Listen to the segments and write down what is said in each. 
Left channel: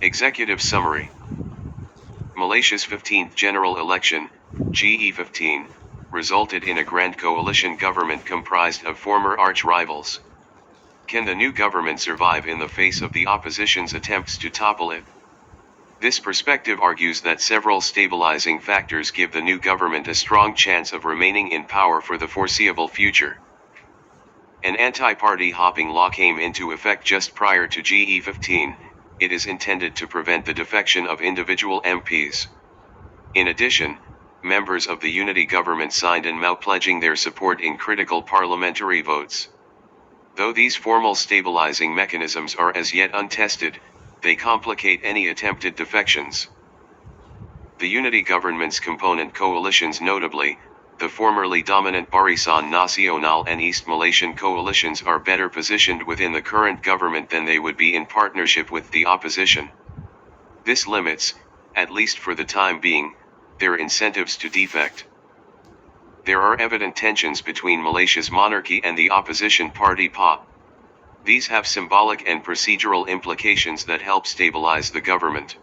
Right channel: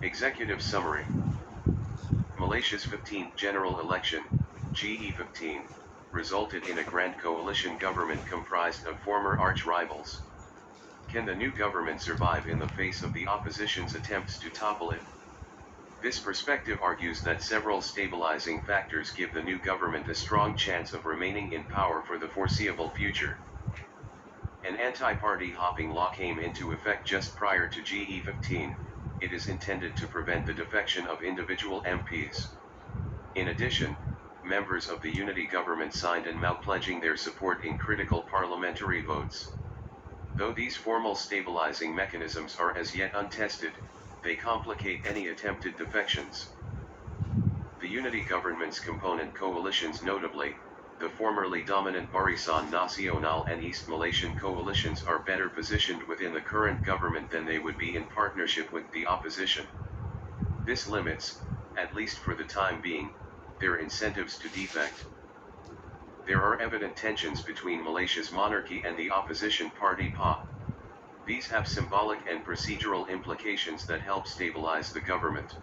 Executive Summary. Malaysia's 15th general election, GE15, resulted in a grand coalition government comprised of former arch-rivals. Can the new government survive in the face of the opposition's attempts to topple it? This perspective argues that several stabilizing factors give the new government a strong chance of remaining in power for the foreseeable future. An anti-party hopping law came into effect just prior to GE15. It is intended to prevent the defection of individual MPs. In addition, members of the unity government signed an MOU pledging their support in critical parliamentary votes. Though these formal stabilizing mechanisms are as yet untested, they complicate any attempted defections. The unity government's component coalitions, notably, the formerly dominant Barisan Nasional and East Malaysian coalitions, are better positioned within the current government than they would be in partnership with the opposition. This limits, at least for the time being, their incentives to defect. There are evident tensions between Malaysia's monarchy and the opposition party PAP. These have symbolic and procedural implications that help stabilize the government.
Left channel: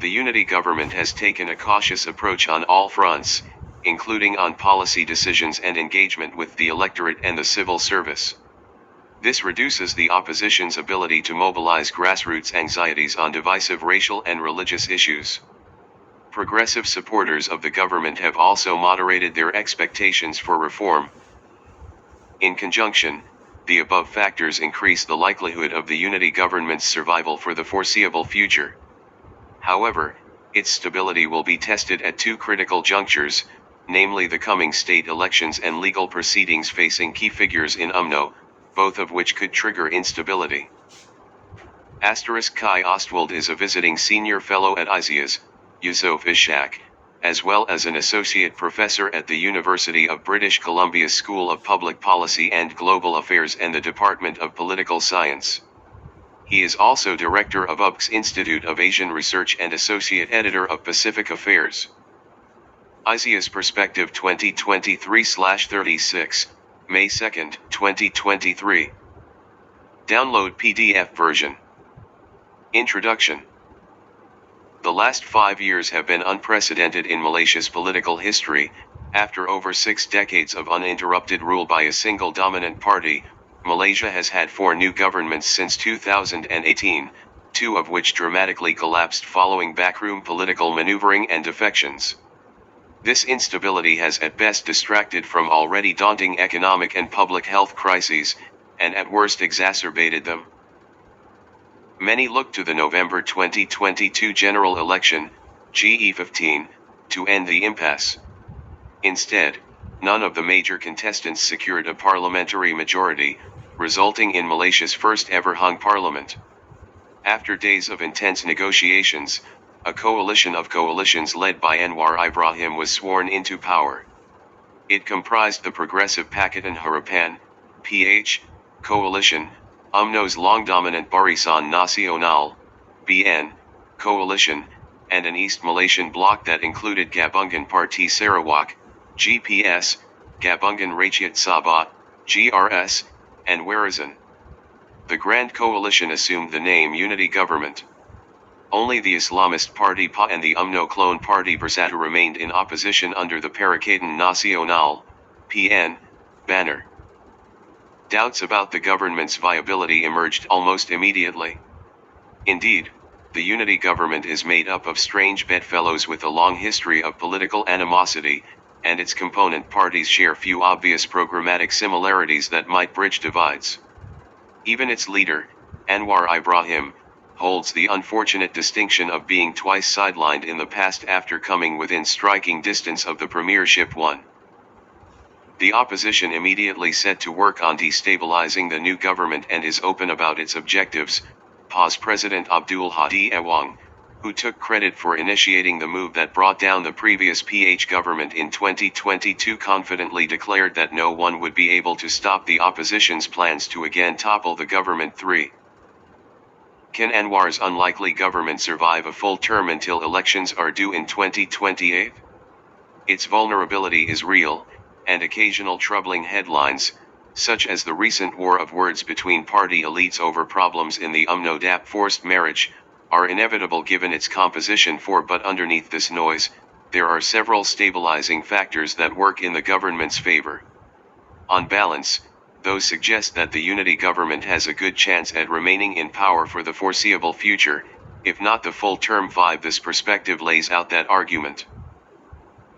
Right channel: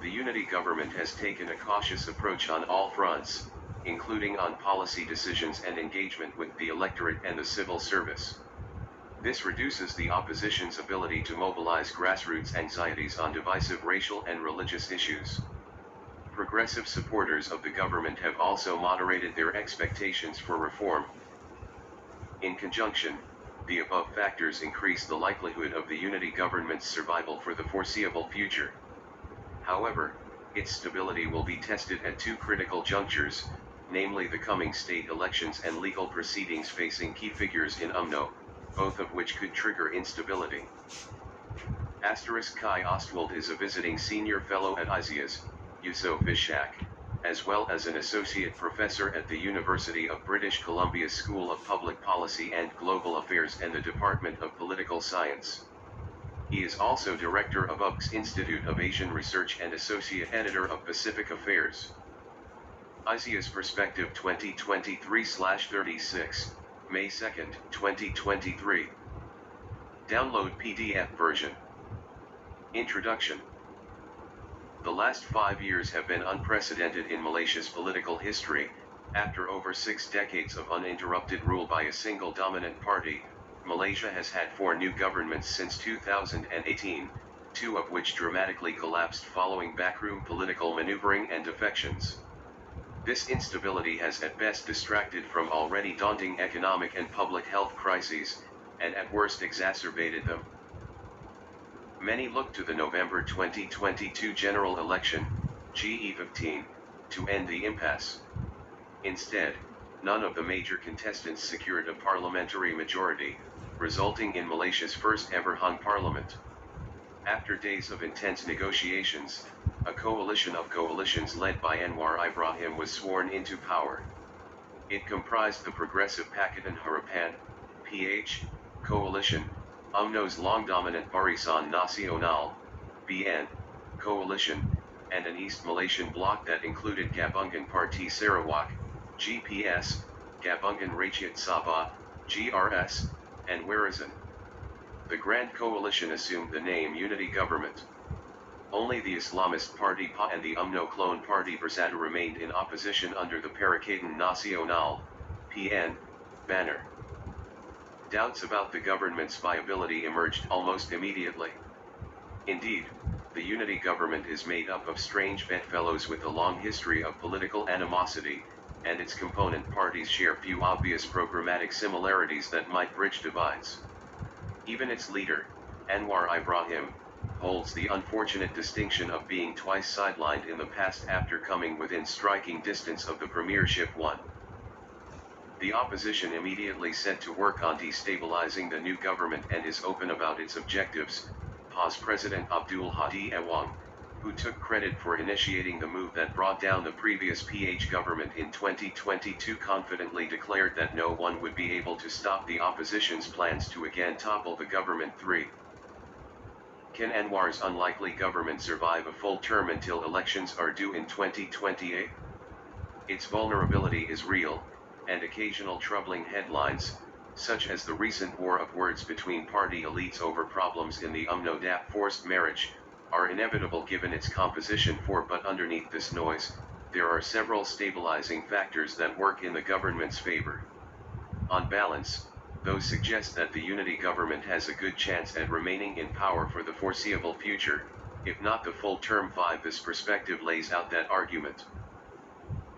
The unity government has taken a cautious approach on all fronts, including on policy decisions and engagement with the electorate and the civil service. This reduces the opposition's ability to mobilize grassroots anxieties on divisive racial and religious issues. Progressive supporters of the government have also moderated their expectations for reform. In conjunction, the above factors increase the likelihood of the unity government's survival for the foreseeable future. However, its stability will be tested at two critical junctures, namely the coming state elections and legal proceedings facing key figures in UMNO, both of which could trigger instability. Kai Ostwald is a visiting senior fellow at ISIAS, Yusof Ishak, as well as an associate professor at the University of British Columbia's School of Public Policy and Global Affairs and the Department of Political Science. He is also director of UBC's Institute of Asian Research and associate editor of Pacific Affairs. ISIAS Perspective 2023/36, May 2, 2023. Download PDF version. Introduction. The last 5 years have been unprecedented in Malaysia's political history. After over 6 decades of uninterrupted rule by a single dominant party, Malaysia has had 4 new governments since 2018, 2 of which dramatically collapsed following backroom political maneuvering and defections. This instability has at best distracted from already daunting economic and public health crises, and at worst exacerbated them. Many look to the November 2022 general election, GE15, to end the impasse. Instead, none of the major contestants secured a parliamentary majority, resulting in Malaysia's first ever hung parliament. After days of intense negotiations, a coalition of coalitions led by Anwar Ibrahim was sworn into power. It comprised the Progressive Pakatan Harapan, PH, coalition, UMNO's long-dominant Barisan Nasional, BN, coalition, and an East Malaysian bloc that included Gabungan Parti Sarawak, GPS, Gabungan Rakyat Sabah, GRS, and Warisan. The Grand Coalition assumed the name Unity Government. Only the Islamist Party PA and the UMNO clone party Bersatu remained in opposition under the Perikatan Nasional, PN, banner. Doubts about the government's viability emerged almost immediately. Indeed, the unity government is made up of strange bedfellows with a long history of political animosity, and its component parties share few obvious programmatic similarities that might bridge divides. Even its leader, Anwar Ibrahim, holds the unfortunate distinction of being twice sidelined in the past after coming within striking distance of the premiership one. The opposition immediately set to work on destabilizing the new government and is open about its objectives. PA's President Abdul Hadi Awang, who took credit for initiating the move that brought down the previous PH government in 2022, confidently declared that no one would be able to stop the opposition's plans to again topple the government. 3. Can Anwar's unlikely government survive a full term until elections are due in 2028? Its vulnerability is real, and occasional troubling headlines, such as the recent war of words between party elites over problems in the UMNO DAP forced marriage, are inevitable given its composition but underneath this noise, there are several stabilizing factors that work in the government's favor. On balance, those suggest that the unity government has a good chance at remaining in power for the foreseeable future, if not the full term 5. This perspective lays out that argument.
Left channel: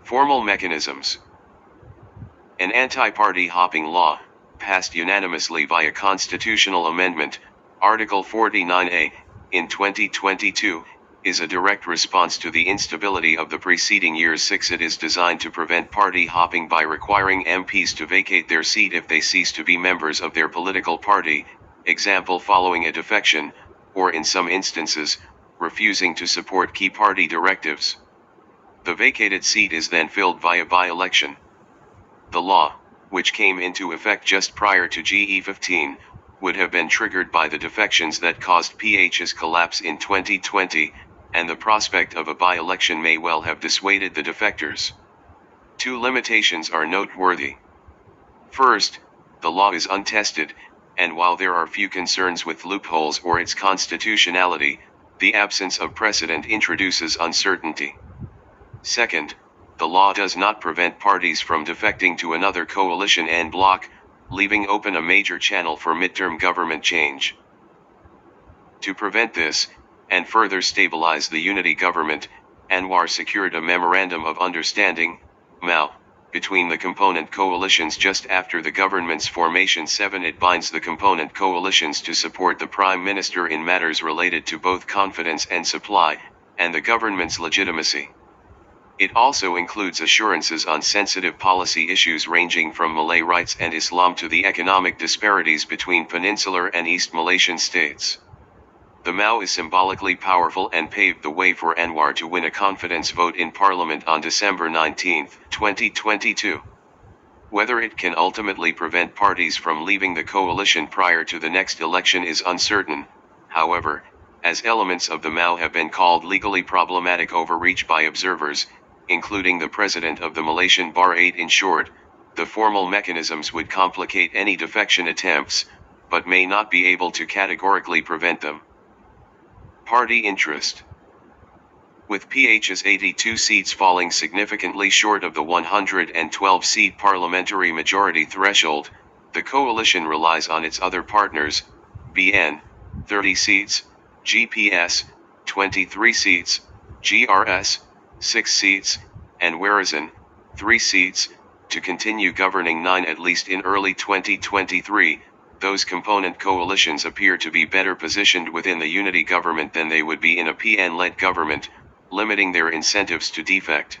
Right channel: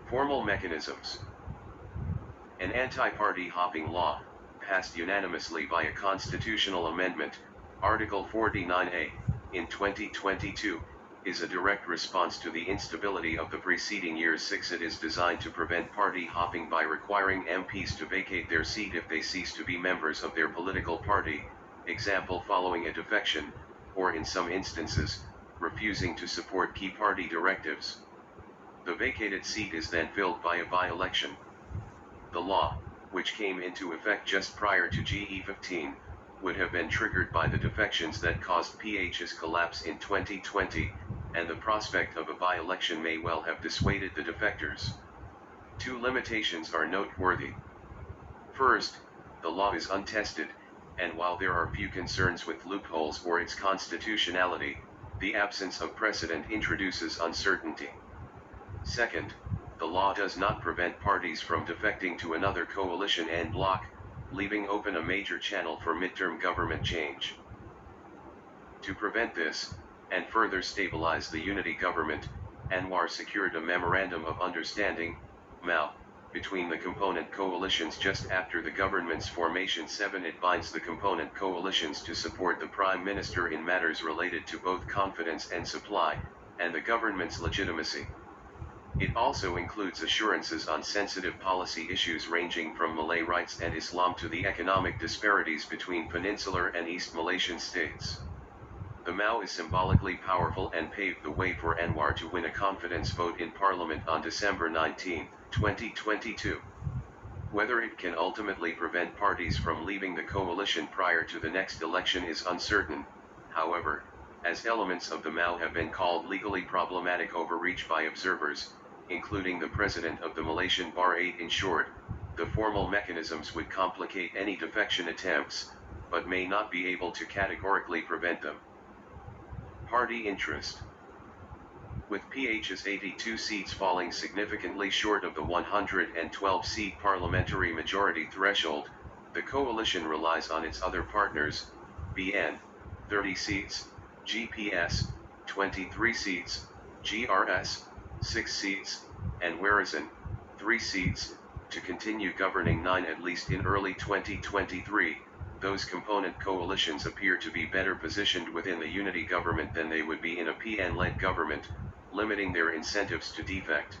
Formal mechanisms. An anti-party hopping law, passed unanimously via constitutional amendment, Article 49A, in 2022, is a direct response to the instability of the preceding years. 6. It is designed to prevent party hopping by requiring MPs to vacate their seat if they cease to be members of their political party, example following a defection, or in some instances, refusing to support key party directives. The vacated seat is then filled via by-election. The law, which came into effect just prior to GE15, would have been triggered by the defections that caused PH's collapse in 2020, and the prospect of a by-election may well have dissuaded the defectors. Two limitations are noteworthy. First, the law is untested, and while there are few concerns with loopholes or its constitutionality, the absence of precedent introduces uncertainty. Second, the law does not prevent parties from defecting to another coalition en bloc, leaving open a major channel for midterm government change. To prevent this, and further stabilize the unity government, Anwar secured a Memorandum of Understanding, MOU, between the component coalitions just after the government's formation. 7. It binds the component coalitions to support the Prime Minister in matters related to both confidence and supply, and the government's legitimacy. It also includes assurances on sensitive policy issues ranging from Malay rights and Islam to the economic disparities between Peninsular and East Malaysian states. The MOU is symbolically powerful and paved the way for Anwar to win a confidence vote in Parliament on December 19, 2022. Whether it can ultimately prevent parties from leaving the coalition prior to the next election is uncertain, however, as elements of the MOU have been called legally problematic overreach by observers, including the president of the Malaysian Bar. 8. In short, the formal mechanisms would complicate any defection attempts, but may not be able to categorically prevent them. Party interest. With PH's 82 seats falling significantly short of the 112-seat parliamentary majority threshold, the coalition relies on its other partners, BN, 30 seats, GPS, 23 seats, GRS, 6 seats, and Warisan, 3 seats, to continue governing 9 at least in early 2023. Those component coalitions appear to be better positioned within the unity government than they would be in a PN-led government, limiting their incentives to defect.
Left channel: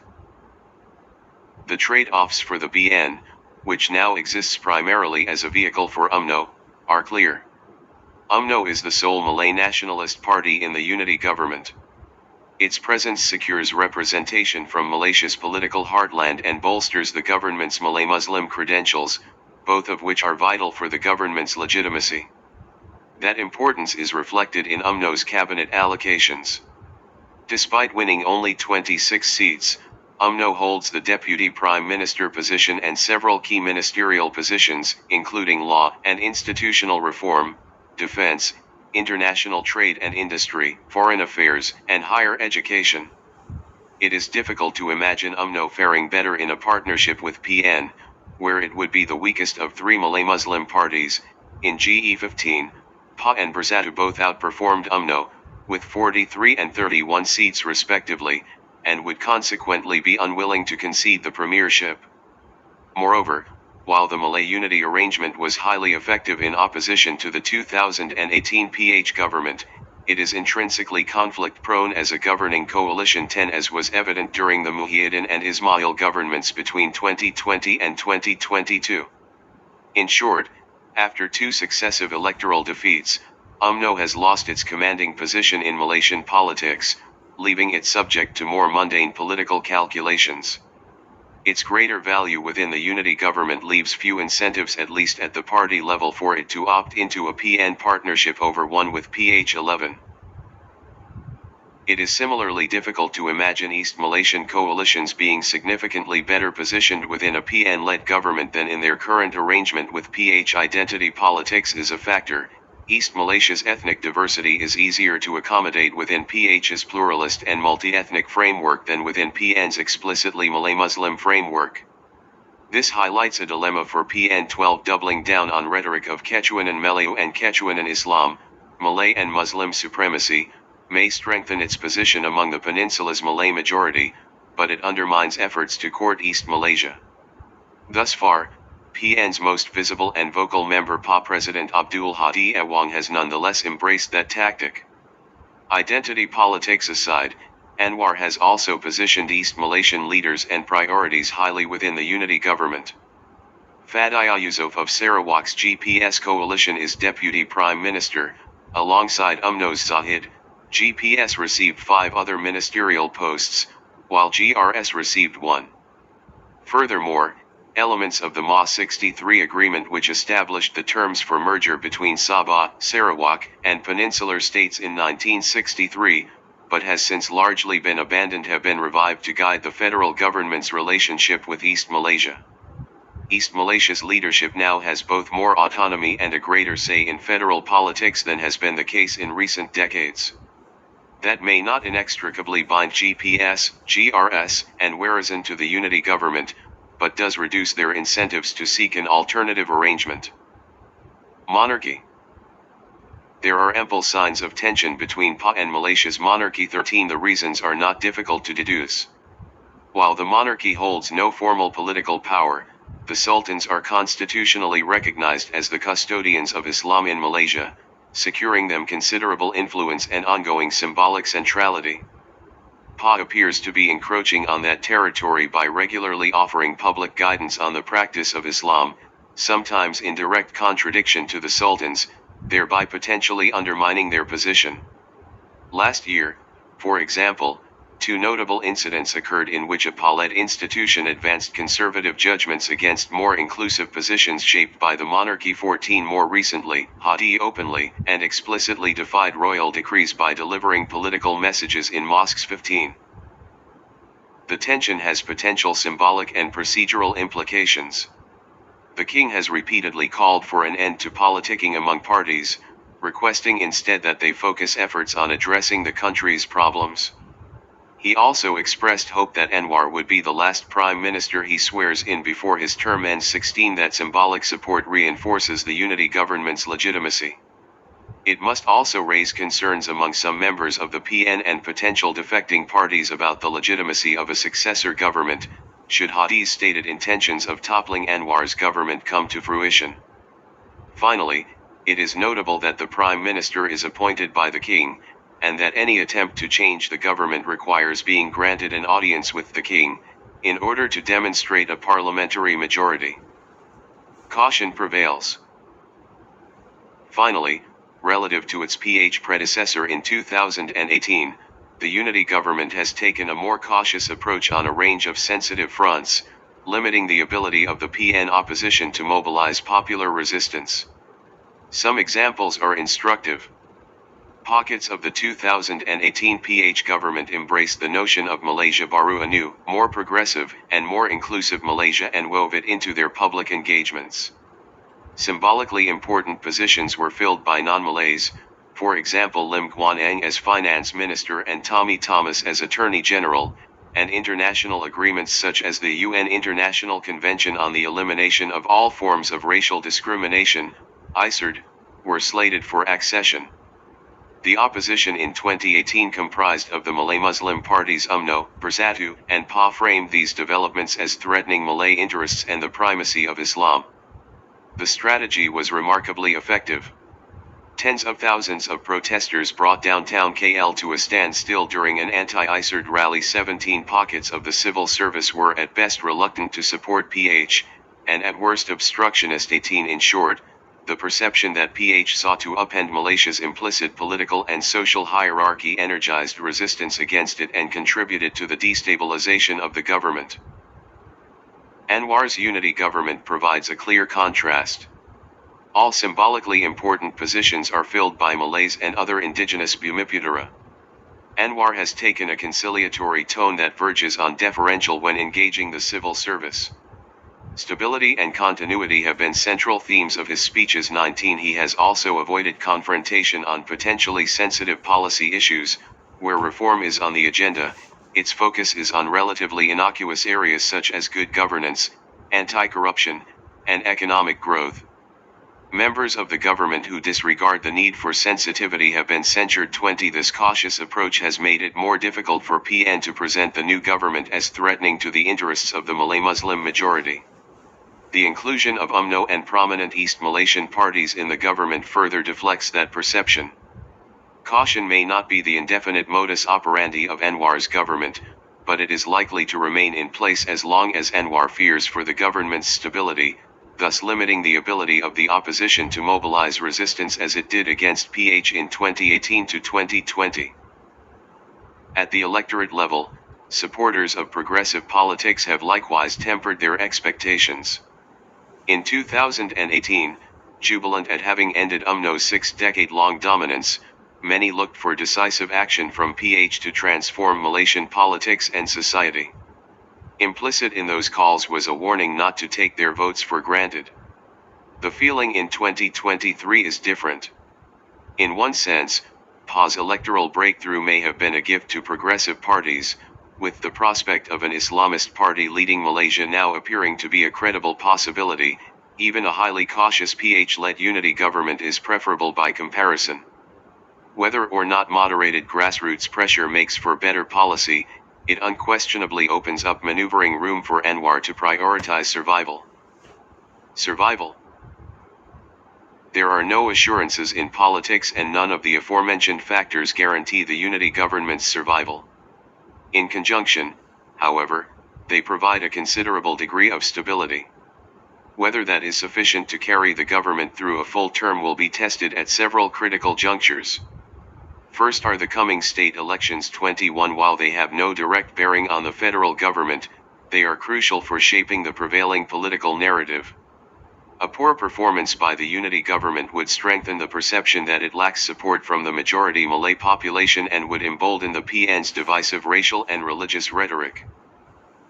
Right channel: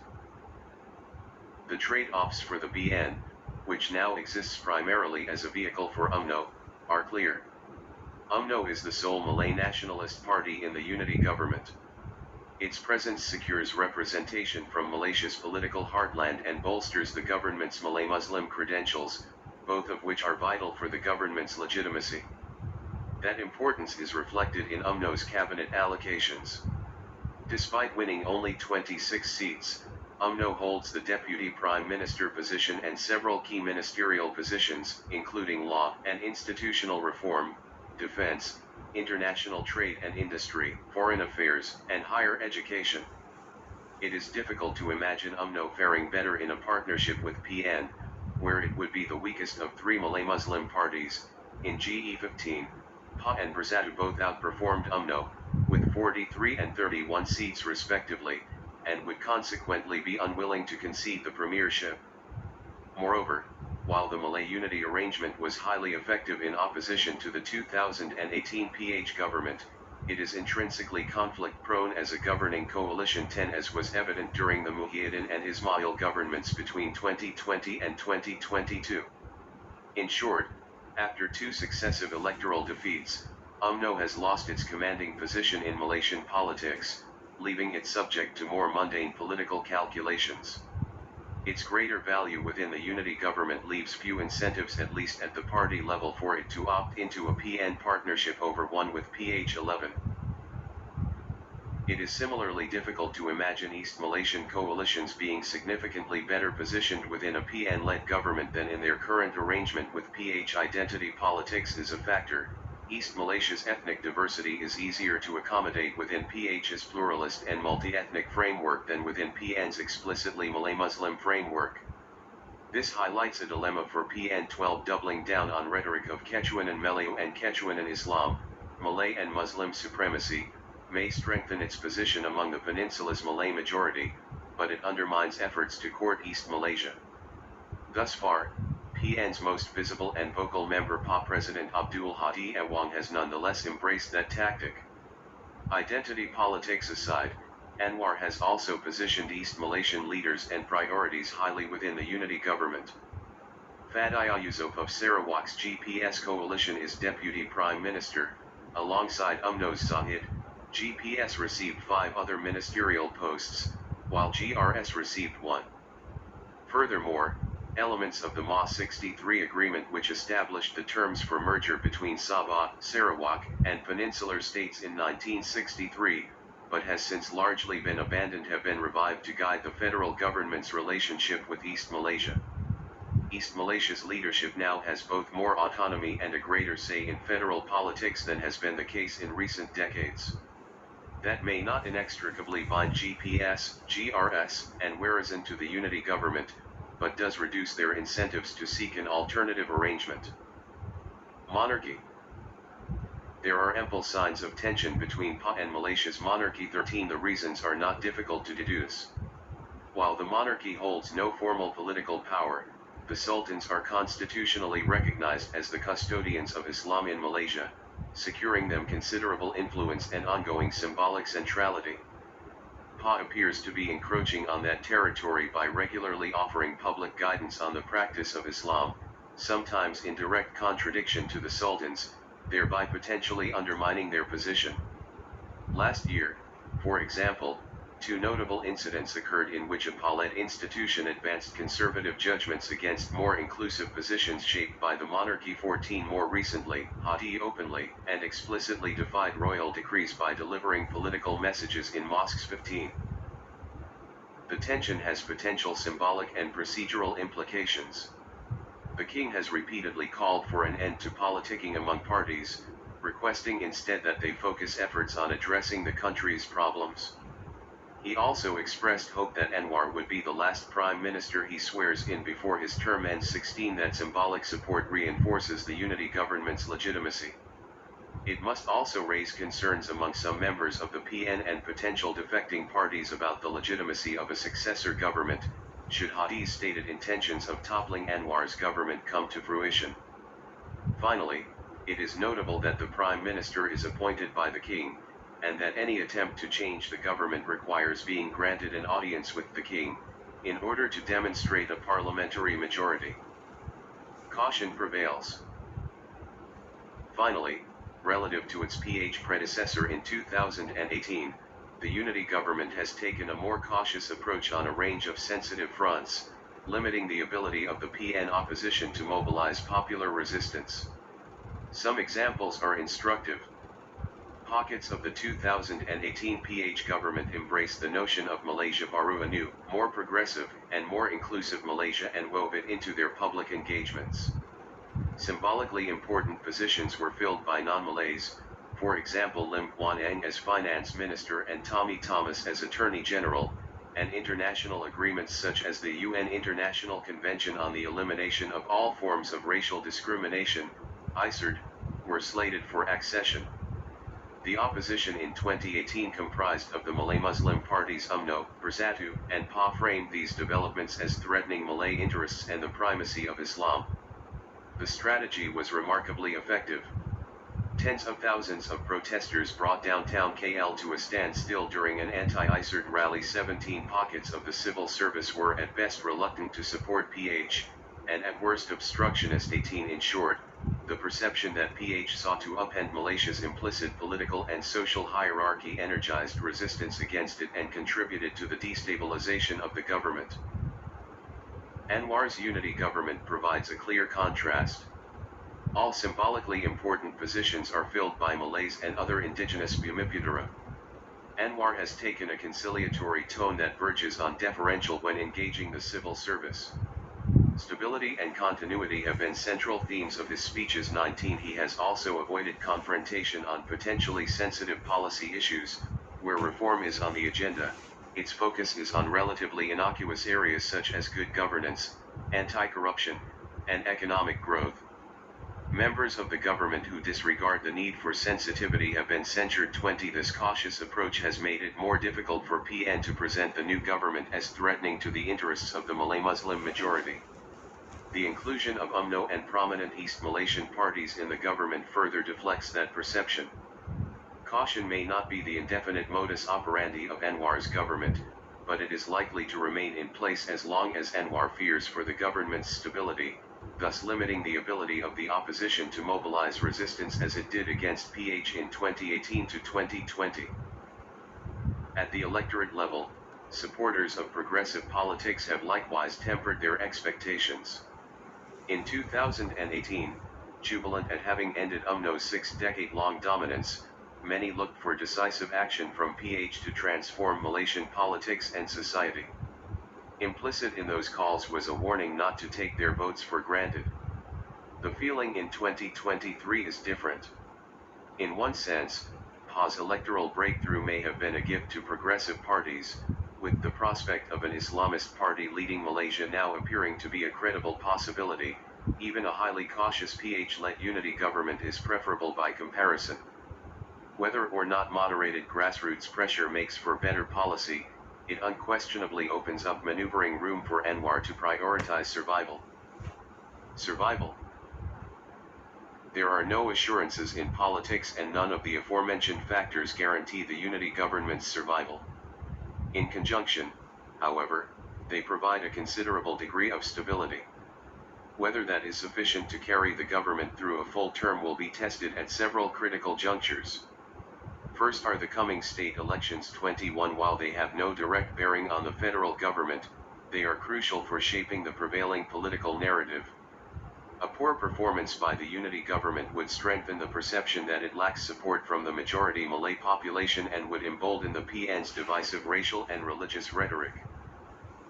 The trade-offs for the BN, which now exists primarily as a vehicle for UMNO, are clear. UMNO is the sole Malay nationalist party in the unity government. Its presence secures representation from Malaysia's political heartland and bolsters the government's Malay Muslim credentials, both of which are vital for the government's legitimacy. That importance is reflected in UMNO's cabinet allocations. Despite winning only 26 seats, UMNO holds the Deputy Prime Minister position and several key ministerial positions, including law and institutional reform, defense, international trade and industry, foreign affairs, and higher education. It is difficult to imagine UMNO faring better in a partnership with PN, where it would be the weakest of 3 Malay Muslim parties. In GE15, PA and Bersatu both outperformed UMNO, with 43 and 31 seats respectively, and would consequently be unwilling to concede the premiership. Moreover, while the Malay unity arrangement was highly effective in opposition to the 2018 PH government, it is intrinsically conflict-prone as a governing coalition 10, as was evident during the Muhyiddin and Ismail governments between 2020 and 2022. In short, after 2 successive electoral defeats, UMNO has lost its commanding position in Malaysian politics, leaving it subject to more mundane political calculations. Its greater value within the unity government leaves few incentives, at least at the party level, for it to opt into a PN partnership over one with PH11. It is similarly difficult to imagine East Malaysian coalitions being significantly better positioned within a PN-led government than in their current arrangement with PH. Identity politics is a factor, East Malaysia's ethnic diversity is easier to accommodate within PH's pluralist and multi-ethnic framework than within PN's explicitly Malay-Muslim framework. This highlights a dilemma for PN12, doubling down on rhetoric of Ketuhanan Melayu and Ketuhanan Islam, Malay and Muslim supremacy, may strengthen its position among the peninsula's Malay majority, but it undermines efforts to court East Malaysia. Thus far, PN's most visible and vocal member President Abdul Hadi Awang has nonetheless embraced that tactic. Identity politics aside, Anwar has also positioned East Malaysian leaders and priorities highly within the unity government. Fadiyah Yusof of Sarawak's GPS coalition is Deputy Prime Minister, alongside UMNO's Zahid. GPS received 5 other ministerial posts, while GRS received 1. Furthermore, elements of the MA 63 agreement, which established the terms for merger between Sabah, Sarawak, and Peninsular states in 1963, but has since largely been abandoned, have been revived to guide the federal government's relationship with East Malaysia. East Malaysia's leadership now has both more autonomy and a greater say in federal politics than has been the case in recent decades. That may not inextricably bind GPS, GRS, and Warasan to the unity government, but does reduce their incentives to seek an alternative arrangement. Monarchy. There are ample signs of tension between PA and Malaysia's monarchy. 13 The reasons are not difficult to deduce. While the monarchy holds no formal political power, the sultans are constitutionally recognized as the custodians of Islam in Malaysia, securing them considerable influence and ongoing symbolic centrality. PA appears to be encroaching on that territory by regularly offering public guidance on the practice of Islam, sometimes in direct contradiction to the sultans, thereby potentially undermining their position. Last year, for example, 2 notable incidents occurred in which a PA-led institution advanced conservative judgments against more inclusive positions shaped by the monarchy. 14 More recently, Hadi openly and explicitly defied royal decrees by delivering political messages in mosques. 15 The tension has potential symbolic and procedural implications. The king has repeatedly called for an end to politicking among parties, requesting instead that they focus efforts on addressing the country's problems. He also expressed hope that Anwar would be the last prime minister he swears in before his term ends. 16 That symbolic support reinforces the unity government's legitimacy. It must also raise concerns among some members of the PN and potential defecting parties about the legitimacy of a successor government, should Hadi's stated intentions of toppling Anwar's government come to fruition. Finally, it is notable that the Prime Minister is appointed by the King, and that any attempt to change the government requires being granted an audience with the King, in order to demonstrate a parliamentary majority. Caution prevails. Finally, relative to its PH predecessor in 2018, the unity government has taken a more cautious approach on a range of sensitive fronts, limiting the ability of the PN opposition to mobilize popular resistance. Some examples are instructive. Pockets of the 2018 PH government embraced the notion of Malaysia Baru, a new, more progressive, and more inclusive Malaysia, and wove it into their public engagements. Symbolically important positions were filled by non-Malays, for example Lim Guan Eng as Finance Minister and Tommy Thomas as Attorney General, and international agreements such as the UN International Convention on the Elimination of All Forms of Racial Discrimination, ICERD, were slated for accession. The opposition in 2018 comprised of the Malay Muslim parties UMNO, Bersatu, and PA framed these developments as threatening Malay interests and the primacy of Islam. The strategy was remarkably effective. Tens of thousands of protesters brought downtown KL to a standstill during an anti-ICERD rally. 17 pockets of the civil service were at best reluctant to support PH, and at worst obstructionist. 18 In short, the perception that PH sought to upend Malaysia's implicit political and social hierarchy energized resistance against it and contributed to the destabilization of the government. Anwar's unity government provides a clear contrast. All symbolically important positions are filled by Malays and other indigenous Bumiputera. Anwar has taken a conciliatory tone that verges on deferential when engaging the civil service. Stability and continuity have been central themes of his speeches. 19. He has also avoided confrontation on potentially sensitive policy issues, where reform is on the agenda. Its focus is on relatively innocuous areas such as good governance, anti-corruption, and economic growth. Members of the government who disregard the need for sensitivity have been censured. 20. This cautious approach has made it more difficult for PN to present the new government as threatening to the interests of the Malay Muslim majority. The inclusion of UMNO and prominent East Malaysian parties in the government further deflects that perception. Caution may not be the indefinite modus operandi of Anwar's government, but it is likely to remain in place as long as Anwar fears for the government's stability, thus limiting the ability of the opposition to mobilize resistance as it did against PH in 2018 to 2020. At the electorate level, supporters of progressive politics have likewise tempered their expectations. In 2018, jubilant at having ended UMNO's 6-decade-long dominance, many looked for decisive action from PH to transform Malaysian politics and society. Implicit in those calls was a warning not to take their votes for granted. The feeling in 2023 is different. In one sense, PA's electoral breakthrough may have been a gift to progressive parties, with the prospect of an Islamist party leading Malaysia now appearing to be a credible possibility. Even a highly cautious PH-led unity government is preferable by comparison. Whether or not moderated grassroots pressure makes for better policy, it unquestionably opens up maneuvering room for Anwar to prioritize survival. Survival. There are no assurances in politics, and none of the aforementioned factors guarantee the unity government's survival. In conjunction, however, they provide a considerable degree of stability. Whether that is sufficient to carry the government through a full term will be tested at several critical junctures. First are the coming state elections. 21. While they have no direct bearing on the federal government, they are crucial for shaping the prevailing political narrative. A poor performance by the unity government would strengthen the perception that it lacks support from the majority Malay population and would embolden the PN's divisive racial and religious rhetoric.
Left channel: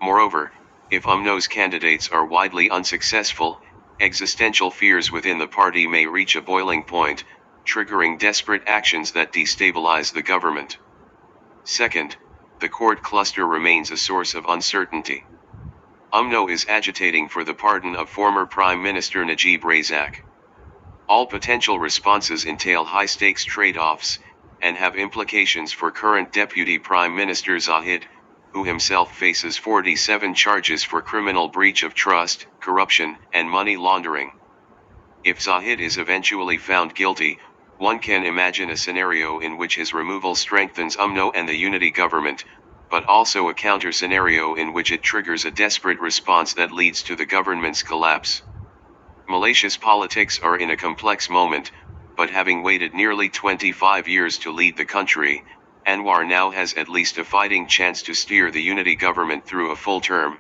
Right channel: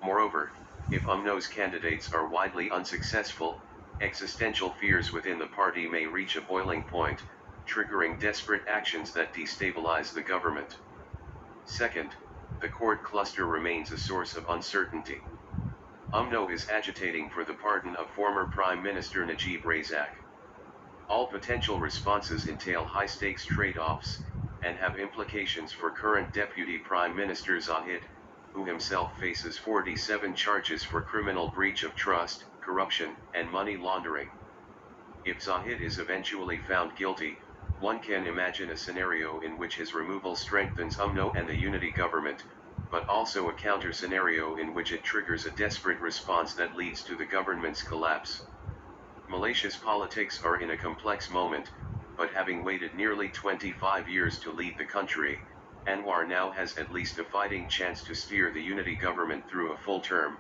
Moreover, if UMNO's candidates are widely unsuccessful, existential fears within the party may reach a boiling point, triggering desperate actions that destabilize the government. Second, the court cluster remains a source of uncertainty. UMNO is agitating for the pardon of former Prime Minister Najib Razak. All potential responses entail high-stakes trade-offs, and have implications for current Deputy Prime Minister Zahid, who himself faces 47 charges for criminal breach of trust, corruption, and money laundering. If Zahid is eventually found guilty, one can imagine a scenario in which his removal strengthens UMNO and the unity government, but also a counter-scenario in which it triggers a desperate response that leads to the government's collapse. Malaysia's politics are in a complex moment, but having waited nearly 25 years to lead the country, Anwar now has at least a fighting chance to steer the unity government through a full term.